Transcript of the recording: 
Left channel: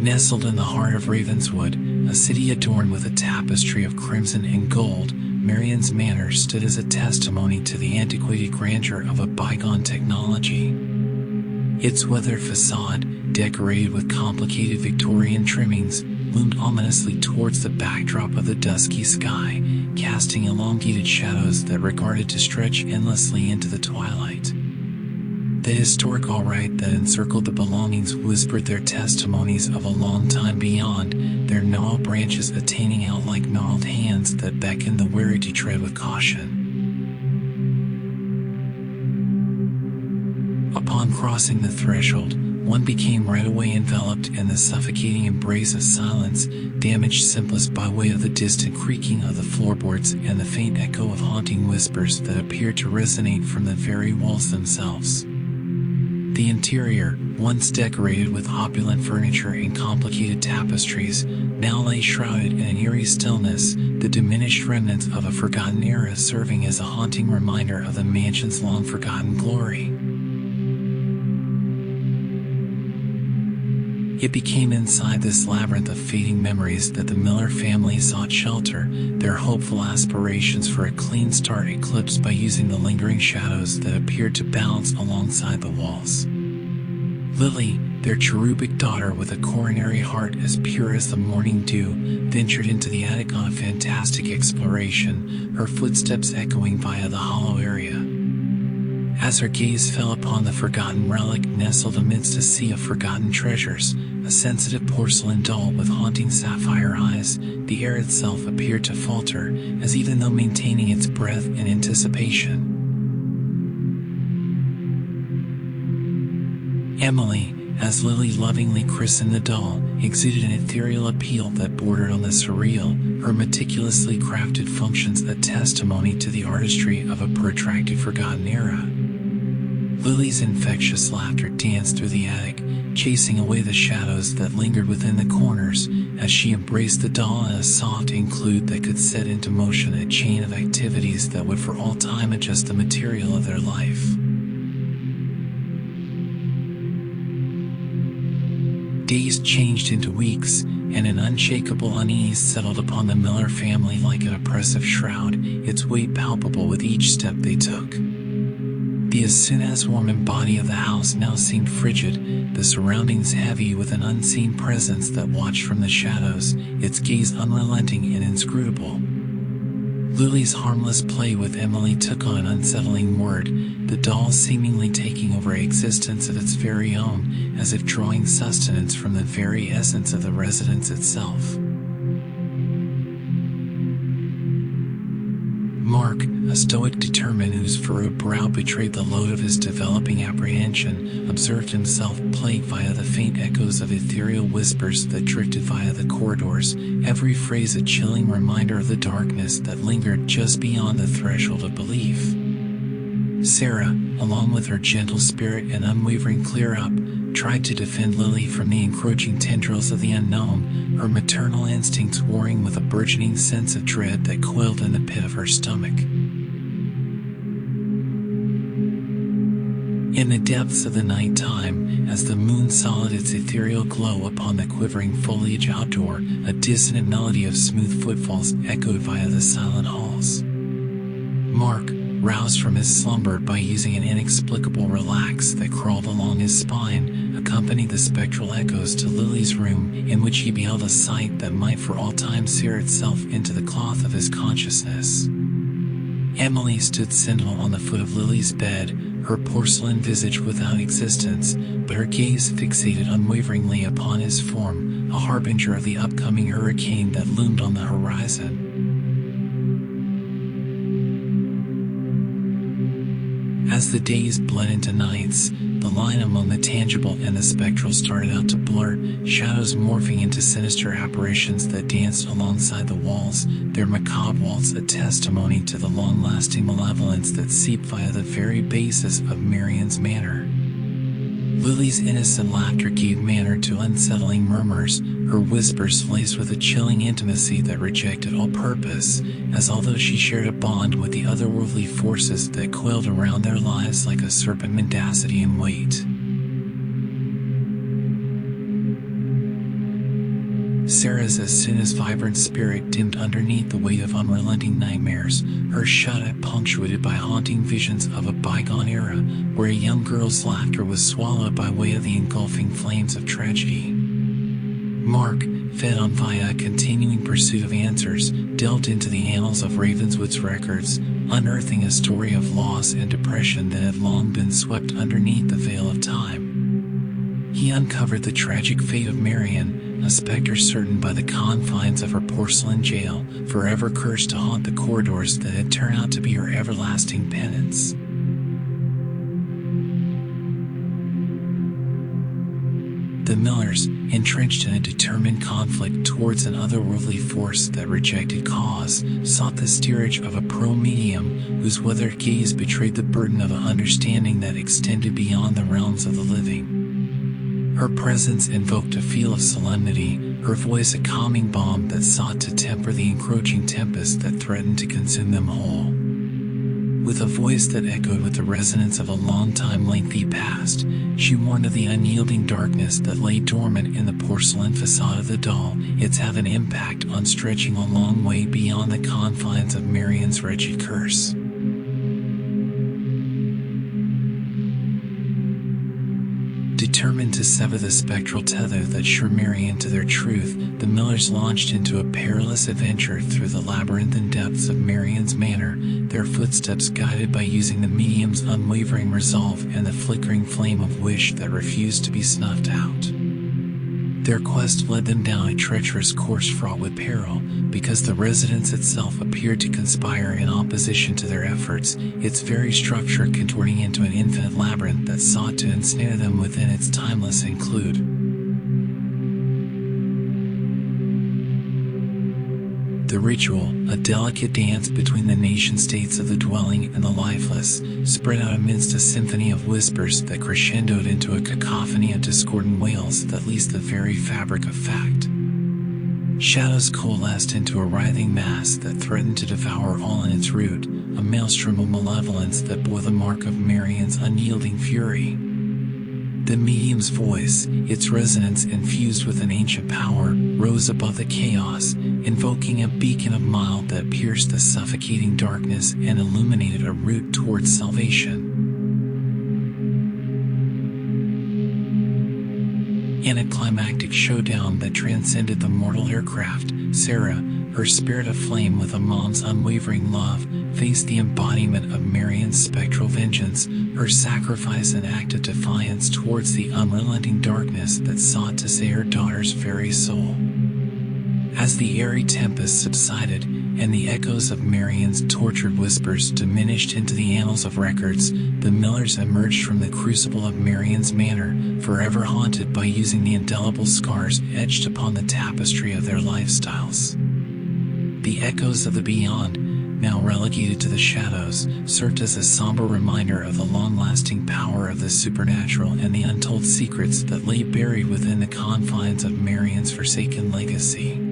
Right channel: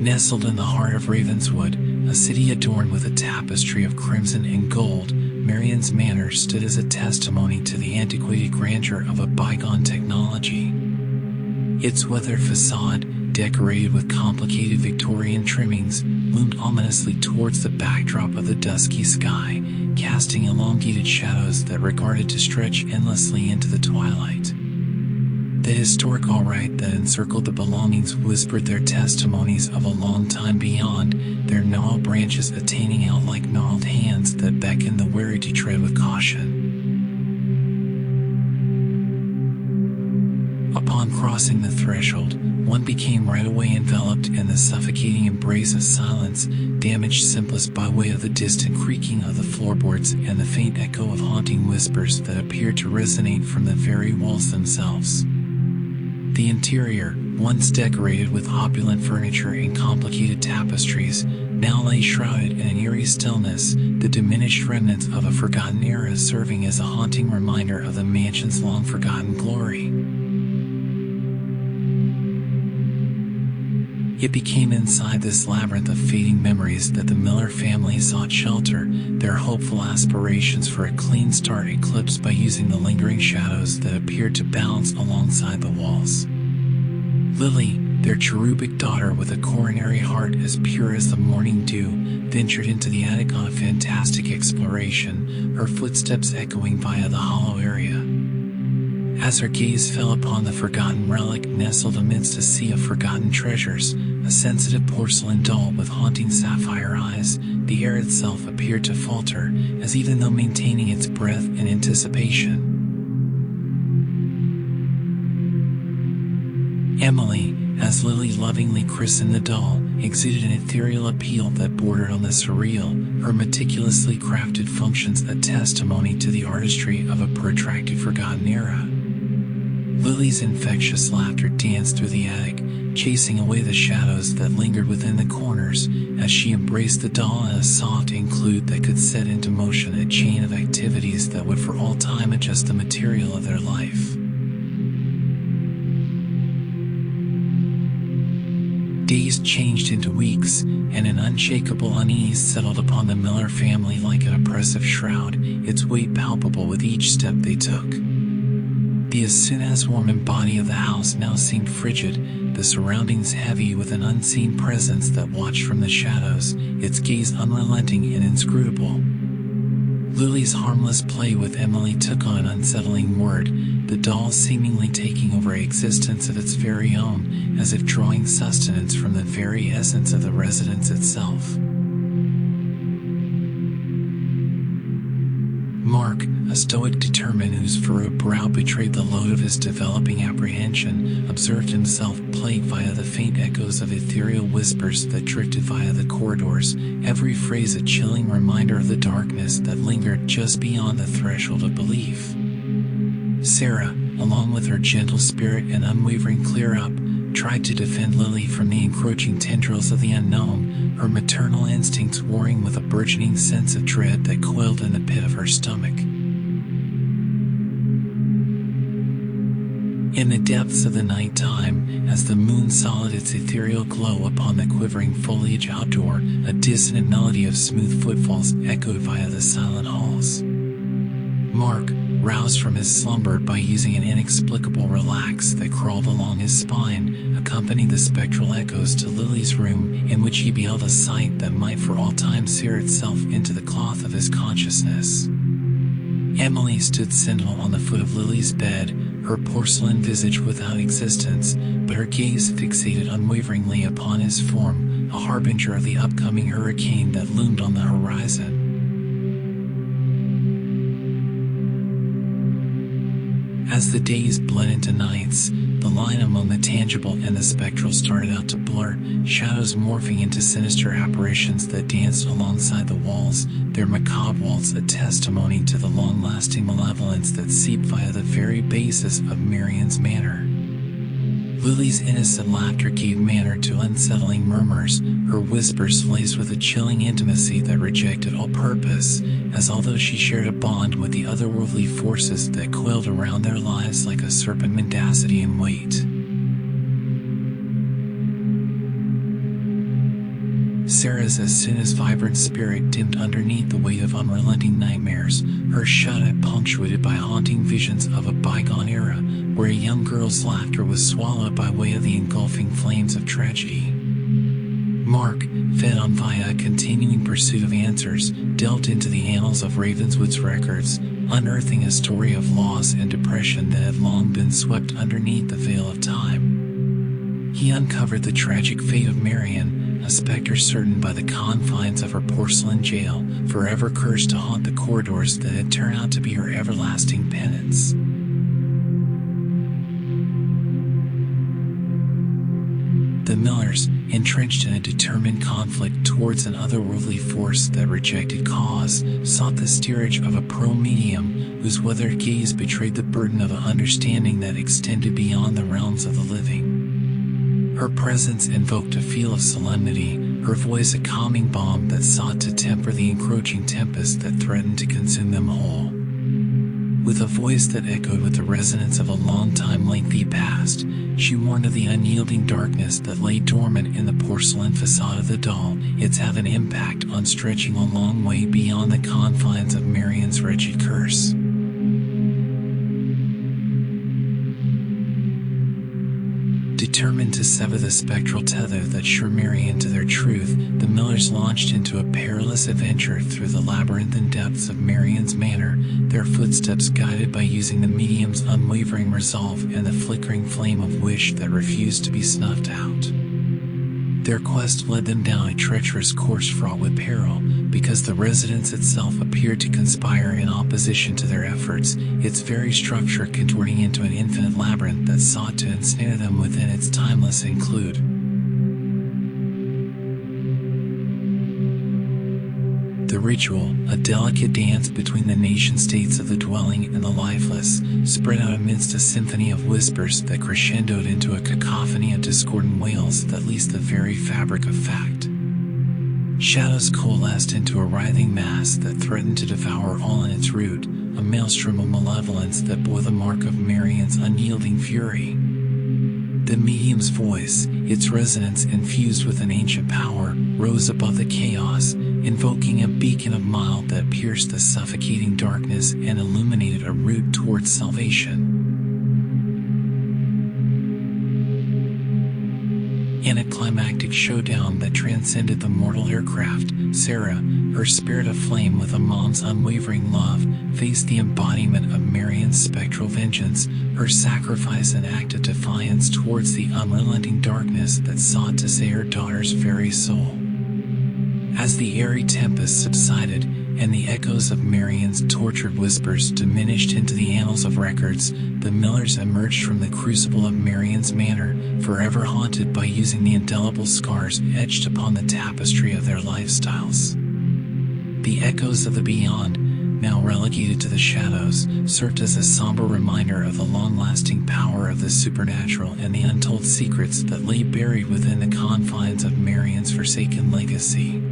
Nestled in the heart of Ravenswood, a city adorned with a tapestry of crimson and gold, Marion's Manor stood as a testimony to the antiquated grandeur of a bygone technology. Its weathered facade, decorated with complicated Victorian trimmings, loomed ominously towards the backdrop of the dusky sky, casting elongated shadows that regarded to stretch endlessly into the twilight. The historic all-right that encircled the belongings whispered their testimonies of a long time beyond, their gnarled branches attaining out like gnarled hands that beckoned the weary to tread with caution. Upon crossing the threshold, one became right away enveloped in the suffocating embrace of silence, damaged simplest by way of the distant creaking of the floorboards and the faint echo of haunting whispers that appeared to resonate from the very walls themselves. The interior, once decorated with opulent furniture and complicated tapestries, now lay shrouded in an eerie stillness, the diminished remnants of a forgotten era serving as a haunting reminder of the mansion's long-forgotten glory. It became inside this labyrinth of fading memories that the Miller family sought shelter, their hopeful aspirations for a clean start eclipsed by using the lingering shadows that appeared to balance alongside the walls. Lily, their cherubic daughter with a coronary heart as pure as the morning dew, ventured into the attic on a fantastic exploration, her footsteps echoing via the hollow area. As her gaze fell upon the forgotten relic nestled amidst a sea of forgotten treasures, a sensitive porcelain doll with haunting sapphire eyes, the air itself appeared to falter, as even though maintaining its breath in anticipation. Emily, as Lily lovingly christened the doll, exuded an ethereal appeal that bordered on the surreal, her meticulously crafted functions a testimony to the artistry of a protracted forgotten era. Lily's infectious laughter danced through the attic, chasing away the shadows that lingered within the corners, as she embraced the doll in a soft include that could set into motion a chain of activities that would for all time adjust the material of their life. Days changed into weeks, and an unshakable unease settled upon the Miller family like an oppressive shroud, its weight palpable with each step they took. The as soon as warm body of the house now seemed frigid, the surroundings heavy with an unseen presence that watched from the shadows, its gaze unrelenting and inscrutable. Lily's harmless play with Emily took on an unsettling word, the doll seemingly taking over an existence of its very own, as if drawing sustenance from the very essence of the residence itself. Mark, a stoic determined whose furrowed brow betrayed the load of his developing apprehension, observed himself plagued via the faint echoes of ethereal whispers that drifted via the corridors, every phrase a chilling reminder of the darkness that lingered just beyond the threshold of belief. Sarah, along with her gentle spirit and unwavering clear-up, tried to defend Lily from the encroaching tendrils of the unknown, her maternal instincts warring with a burgeoning sense of dread that coiled in the pit of her stomach. In the depths of the night time, as the moon solid its ethereal glow upon the quivering foliage outdoor, a dissonant melody of smooth footfalls echoed via the silent halls. Mark, roused from his slumber by using an inexplicable relax that crawled along his spine, accompanied the spectral echoes to Lily's room, in which he beheld a sight that might for all time sear itself into the cloth of his consciousness. Emily stood sentinel on the foot of Lily's bed, her porcelain visage without existence, but her gaze fixated unwaveringly upon his form, a harbinger of the upcoming hurricane that loomed on the horizon. As the days bled into nights, the line among the tangible and the spectral started out to blur, shadows morphing into sinister apparitions that danced alongside the walls, their macabre waltz a testimony to the long-lasting malevolence that seeped via the very basis of Marion's Manor. Lily's innocent laughter gave manner to unsettling murmurs, her whispers laced with a chilling intimacy that rejected all purpose, as although she shared a bond with the otherworldly forces that coiled around their lives like a serpent mendacity and weight. Sarah's as soon as vibrant spirit dimmed underneath the weight of unrelenting nightmares, her shut-eye punctuated by haunting visions of a bygone era where a young girl's laughter was swallowed by way of the engulfing flames of tragedy. Mark, fed on via a continuing pursuit of answers, delved into the annals of Ravenswood's records, unearthing a story of loss and depression that had long been swept underneath the veil of time. He uncovered the tragic fate of Marion, a specter certain by the confines of her porcelain jail, forever cursed to haunt the corridors that had turned out to be her everlasting penance. The Millers, entrenched in a determined conflict towards an otherworldly force that rejected cause, sought the steerage of a pearl medium whose weathered gaze betrayed the burden of an understanding that extended beyond the realms of the living. Her presence invoked a feel of solemnity, her voice a calming balm that sought to temper the encroaching tempest that threatened to consume them whole. With a voice that echoed with the resonance of a long-time lengthy past, she warned of the unyielding darkness that lay dormant in the porcelain facade of the doll, its having an impact on stretching a long way beyond the confines of Marion's wretched curse. Determined to sever the spectral tether that sure Marion to their truth, the Millers launched into a perilous adventure through the labyrinthine depths of Marion's Manor, their footsteps guided by using the medium's unwavering resolve and the flickering flame of wish that refused to be snuffed out. Their quest led them down a treacherous course fraught with peril, because the residence itself appeared to conspire in opposition to their efforts, its very structure contorting into an infinite labyrinth that sought to ensnare them within its timeless include. The ritual, a delicate dance between the nation-states of the dwelling and the lifeless, spread out amidst a symphony of whispers that crescendoed into a cacophony of discordant wails that leased the very fabric of fact. Shadows coalesced into a writhing mass that threatened to devour all in its route, a maelstrom of malevolence that bore the mark of Marion's unyielding fury. The medium's voice, its resonance infused with an ancient power, rose above the chaos, invoking a beacon of mild that pierced the suffocating darkness and illuminated a route towards salvation. In a climactic showdown that transcended the mortal aircraft, Sarah, her spirit aflame with a mom's unwavering love, faced the embodiment of Marion's spectral vengeance, her sacrifice an act of defiance towards the unrelenting darkness that sought to say her daughter's very soul. As the airy tempest subsided, and the echoes of Marion's tortured whispers diminished into the annals of records, the Millers emerged from the crucible of Marion's Manor, forever haunted by using the indelible scars etched upon the tapestry of their lifestyles. The echoes of the beyond, now relegated to the shadows, served as a somber reminder of the long-lasting power of the supernatural and the untold secrets that lay buried within the confines of Marion's forsaken legacy.